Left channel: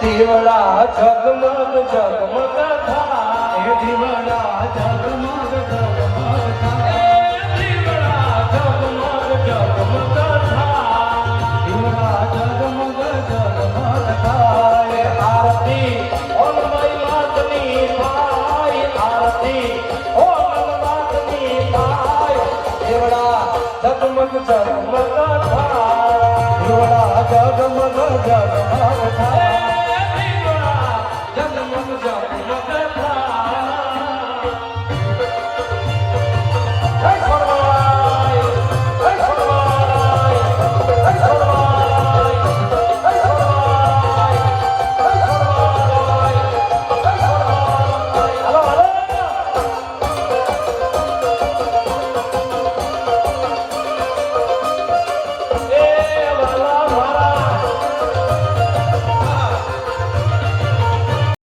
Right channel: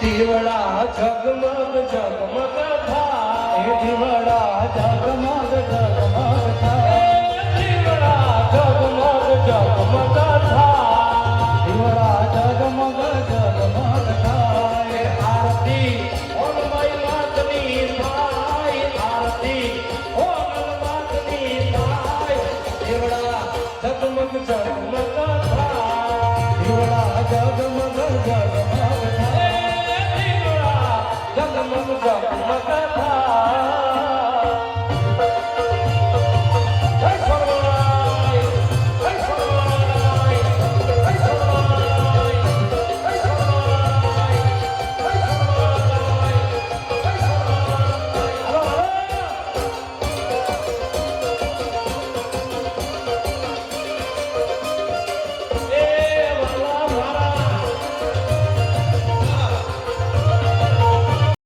દીવડા જગમગ જગમગ થાય દીવડા જગમગ જગમગ થાય દીવડા જગમગ જગમગ થાય દીવડા જગમગ જગમગ થાય આરતી ઓમ માતની થાય આરતી ઓમ માતની થાય દીવડા જગમગ જગમગ થાય દીવડા જગમગ જગમગ થાય